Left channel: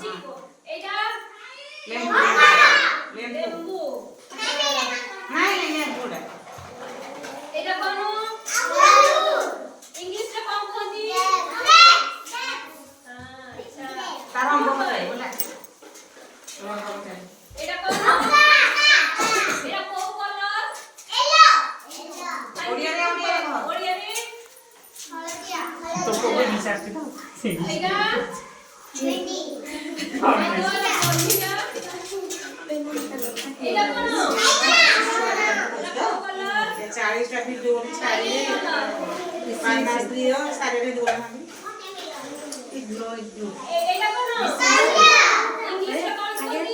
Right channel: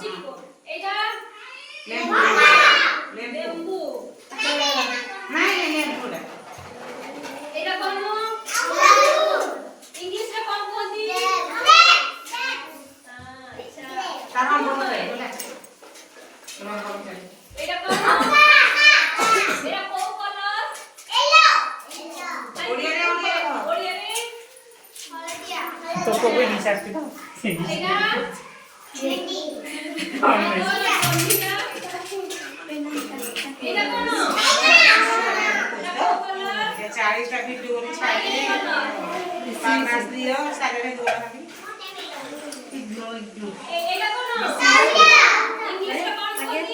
শিখো এটা লেম্বু লেম্বু নাই লেম্বু না এটা কোন ইংলিশে কোন কোনটি আচ্ছা তারা বলো বলে তোমার বলতে এটা কোন এটা কোন কালার ওড়িয়ারে ওড়িয়ারে হলদিয়া तो कोई नहीं चाहती ना এটা Ready. এটা কোন ये 40 टा वीडियो ने छाड़े 5 मास दियो सारे में दुआ हम এটা কোন ইংলিশে কোন কোনটি